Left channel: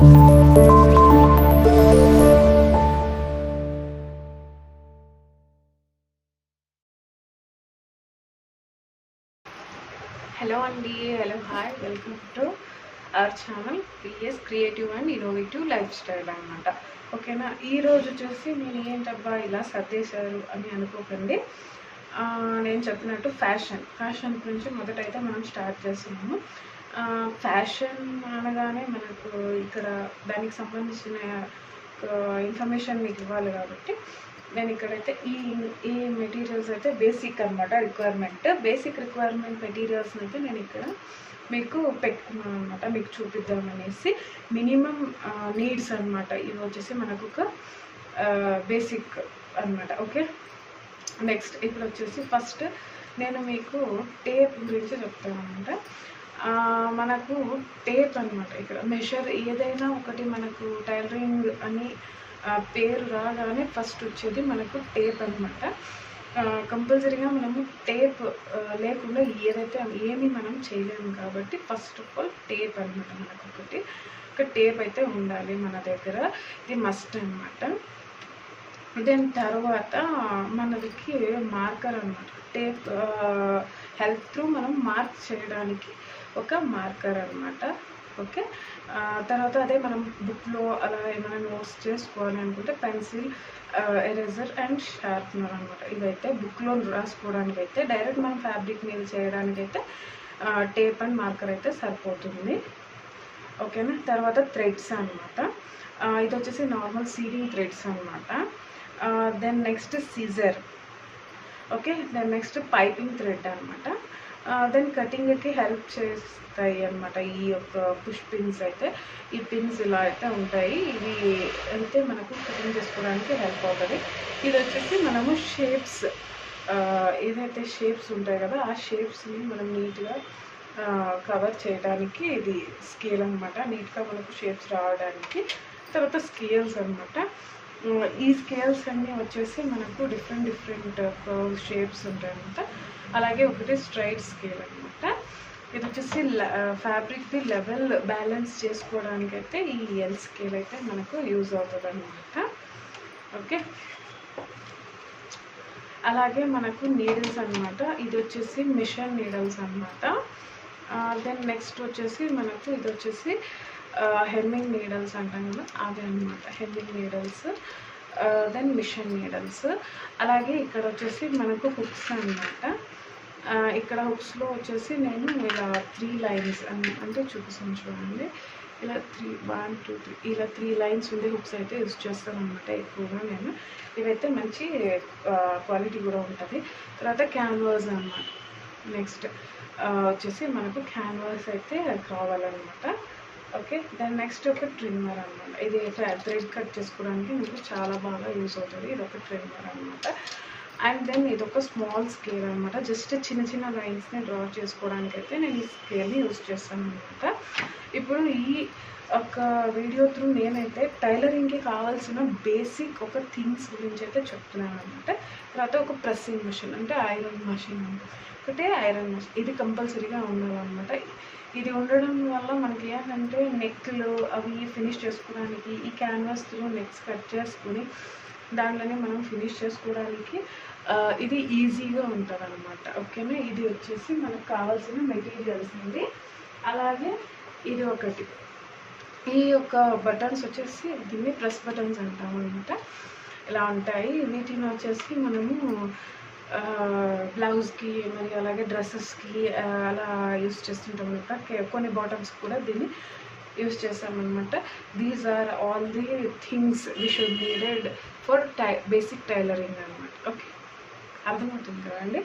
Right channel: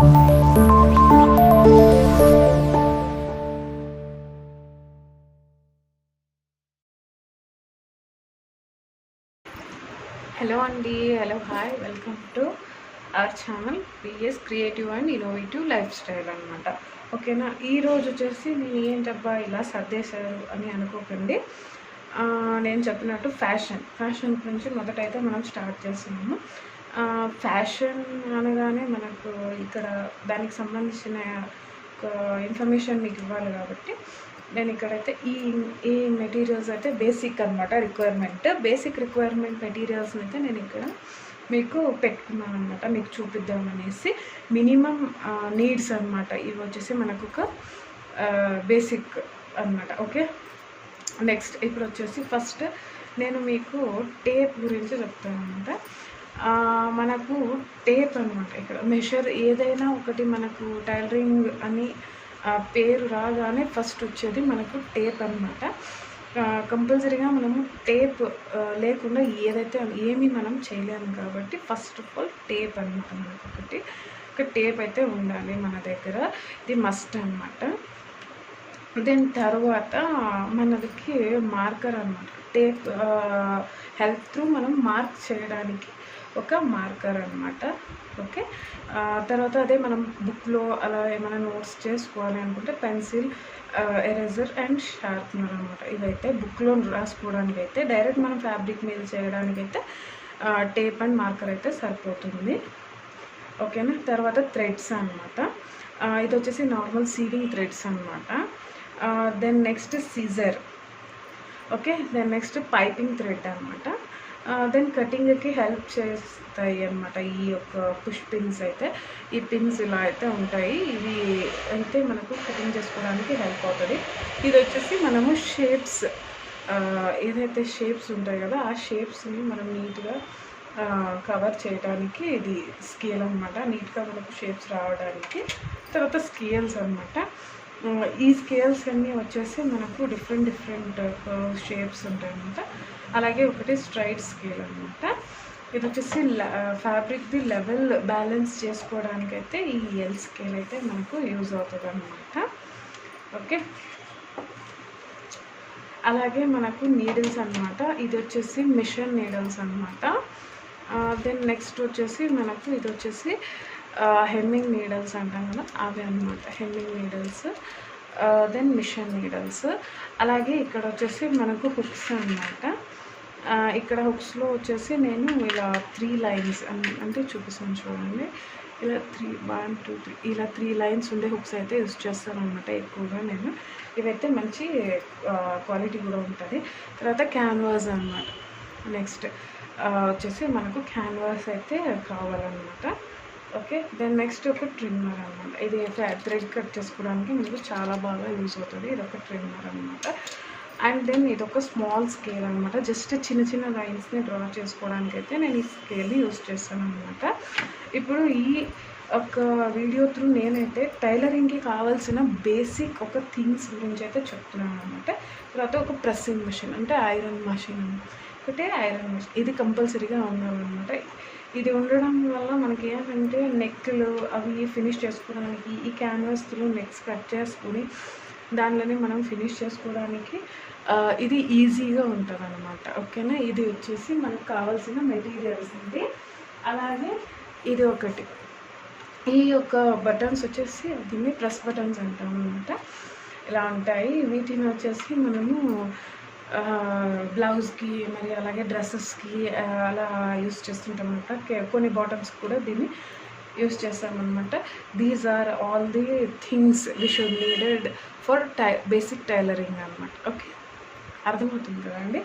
Hello అండి, hello hi, welcome to our channel PS creative and innovative life style అనమాట. ఓకేనా, ఈరోజు వచ్చేసి నేను ఏంటబ్బా ఇలా సర్దేశారు అని అనుకోకండి. నేను చెప్పినట్టు ఫ్యాషన్ గురించి మొదటైతే మనం స్టార్ట్ చేస్తున్నాము. ఫ్యాషన్ అనగానే మనకు ఇక్కడ దానికి సంబంధించిన ఇన్ఫర్మేషన్ మీకు ఇవ్వాలి కాబట్టి నేను ఇక్కడైతే ఈ మెటీరియల్స్ అయితే బేసిక్ అనమాట, బేసిక్ రిక్వైర్మెంట్ మెటీరియల్స్ని అయితే నేను ఇక్కడ మీకు పెట్టుకున్నాను అనమాట, మీకు చూపిద్దామనేసి. మినిమం నీడ్స్ అనమాట ఇవి వచ్చేసి మనకు ఒక బేసిక్ అనమాట. ఓకే, నెక్స్ట్ ఇప్పుడు వచ్చేసి ఫస్ట్ నేను మీకు టేప్ గురించి చెప్తాను అనమాట. మనకు టేప్ అనమాట, ఇక్కడ మెషర్ ఏదైనా ఒకటి మనకు టైలరింగ్ అని పేరు రాగానే ఫస్ట్ వచ్చేది మనకు టేప్ అనమాట. కంపల్సరీగా మనము టేప్ లేకుండా ఏమీ మనం చేయలేము కాబట్టి ఫస్ట్ ఆఫ్ ఆల్ టేప్ అనమాట మనకు ఒక టేప్ అయితే ఉండాలి మన దగ్గర, ఇది మస్ట్ అనమాట. దీని తర్వాత మనకి మార్కర్ అనమాట, టేప్ హెల్ప్ త్రూ మనం మార్క్ చేయడానికి ఒక మార్కర్ అనమాట. ఓకే, తర్వాత అదే మనం బుక్లో అలా ఏమైనా నోట్స్ చేసుకోవాలి అనుకుంటే పెన్సిల్, ఎరేజర్ అండ్ షార్ప్నర్ అనమాట. ఇదైతే బుక్లో రాసుకోవడానికి అయితే, డైరెక్ట్ మనం ఫ్యాబ్రిక్ మీద చేయడానికి అయితే టేప్ అండ్ మార్కర్ అయితే సరిపోతుంది. ఓకేనా, తర్వాత థ్రెడ్స్ అనమాట. ఇది వచ్చేసి నార్మల్ సీడింగ్ థ్రెడ్స్ అనమాట. Then next scissor. Okay, then next piping thread అనమాట. దెన్ కటింగ్కి హెల్ప్ చేస్తాయి అనమాట ఈ యొక్క పుష్ పిన్స్ అయితే. ఈ పిన్స్ ఇలా అయితే ఉంటాయి, ఇవి అయితే మనకు కటింగ్ చేసుకోవడానికి హెల్ప్ అవుతుంది. ఇది వచ్చేసి మనము షేప్స్, ఏదైతే షేప్స్ ఉంటాయి కదా ఆ షేప్స్ని మనం నీట్గా కవర్ చేయడానికి ఇది స్కేల్ అనమాట, నీట్గా మనకు షేప్స్ రావడానికి. తర్వాత స్కేల్స్ అనమాట. ఈ స్కేల్స్ అన్నీ వచ్చేసి మనకు డిఫరెంట్ కర్వ్స్ షేప్స్ ఉంటాయి అనమాట. అలాగే ఒకటి స్ట్రైట్ స్కేల్ అనమాట. ఇది వచ్చేసి ఫ్యాబ్రిక్ది లెవెల్ బ్యాలెన్స్ చేసుకోవడానికి అయితే ఈ ఎల్ స్కేల్ అయితే మనకు యూజ్ అవుతుంది అనమాట. ఓకే, అలాగే మనకు నీడిల్స్ అనమాట. ఇది వచ్చేసి మిషన్ నీడిల్స్ అనమాట. దెన్ నెక్స్ట్ వచ్చేసి మనకు ఇది వచ్చేసి హెమ్మింగ్ నీడల్స్ అంటాం కదా అవి అనమాట, hemming needles. Then machine needles. అలాగే ఇక్కడ వచ్చేసి మనకు హుక్స్ అనమాట. ఇక్కడ హుక్స్లో వచ్చేసి నేను ఇలా 3 లైన్స్ అంటే చూపిస్తాను చూడండి. ఇలా 1 2 3 ఇలా 3 లైన్స్ ఉండే హుక్స్ అయితే యూజ్ చేస్తాను అనమాట ఎక్కువగా నేను. ఇవైతే మంచి క్వాలిటీ కూడా ఉంటుంది. తర్వాత క్యాన్వాస్ అనమాట. నెక్స్ట్ వచ్చేసి మనకు క్యాన్వాస్ అయితే కావాలన్నమాట. ఓకే, దాని నెక్స్ట్ ఒక ట్రిమ్మర్ అనమాట. ఇది థ్రెడ్ కట్ చేసుకోవడానికి మీకు చాలా బాగా యూజ్ అవుతుంది. ఇది ఒక ట్రిమ్మర్ అనమాట. అండ్ దెన్ ఇది ఒక స్మాల్ స్కేల్ అనమాట. జస్ట్ చిన్న లైన్స్ని డ్రా చేసుకోవడానికి అయితే నేను ఈ స్కేల్ని యూజ్ చేస్తాను అనమాట. ఇప్పుడు ఈ ఒక వీడియో త్రూ నేనైతే టైలరింగ్కి కావాల్సిన బేసిక్ ఒక థింగ్స్ గురించి అయితే చెప్తున్నాను అనమాట. తర్వాత ఒక ప్రెస్సింగ్ మిషన్ అంటే ఐరన్ మిషన్, ఒకటే ఐరన్ మిషన్, ఇది కంపల్సరీగా ఉండాలన్నమాట. ఇది ఉండడం వల్ల మనకి ఏంటంటే నెక్లు అవి ఫినిష్ చేసుకోవడానికి, ఈ క్యాన్వాస్ త్రూ నెక్స్ కట్ చేసుకుని దానిలోనే మనం ఫినిష్ చేసుకోవడానికి ఇది ఈజీగా ఉంటుంది అనమాట. ఓకేనా, ఇది వచ్చేసి మనకు కావాల్సిన మెటీరియల్స్ అండి. అలాగే ఇది ఒకటి, ఈ యొక్క బటన్స్ వచ్చేసి దీన్ని ప్రెస్ బటన్స్ అంటాం అనమాట. ఇలా ఉంటాయి. వీటిని వచ్చేసి మనము బ్లౌజ్కి మరి అలాగే డ్రెస్సెస్కి అలా యూస్ చేస్తుంటాం అనమాట. కొన్ని బాటమ్స్ కూడా దీన్ని యూస్ చేస్తామన్నమాట. These are all the things we should needed for basic tailoring అనమాట. ఓకే, అర్థమవుతుంది కదండి.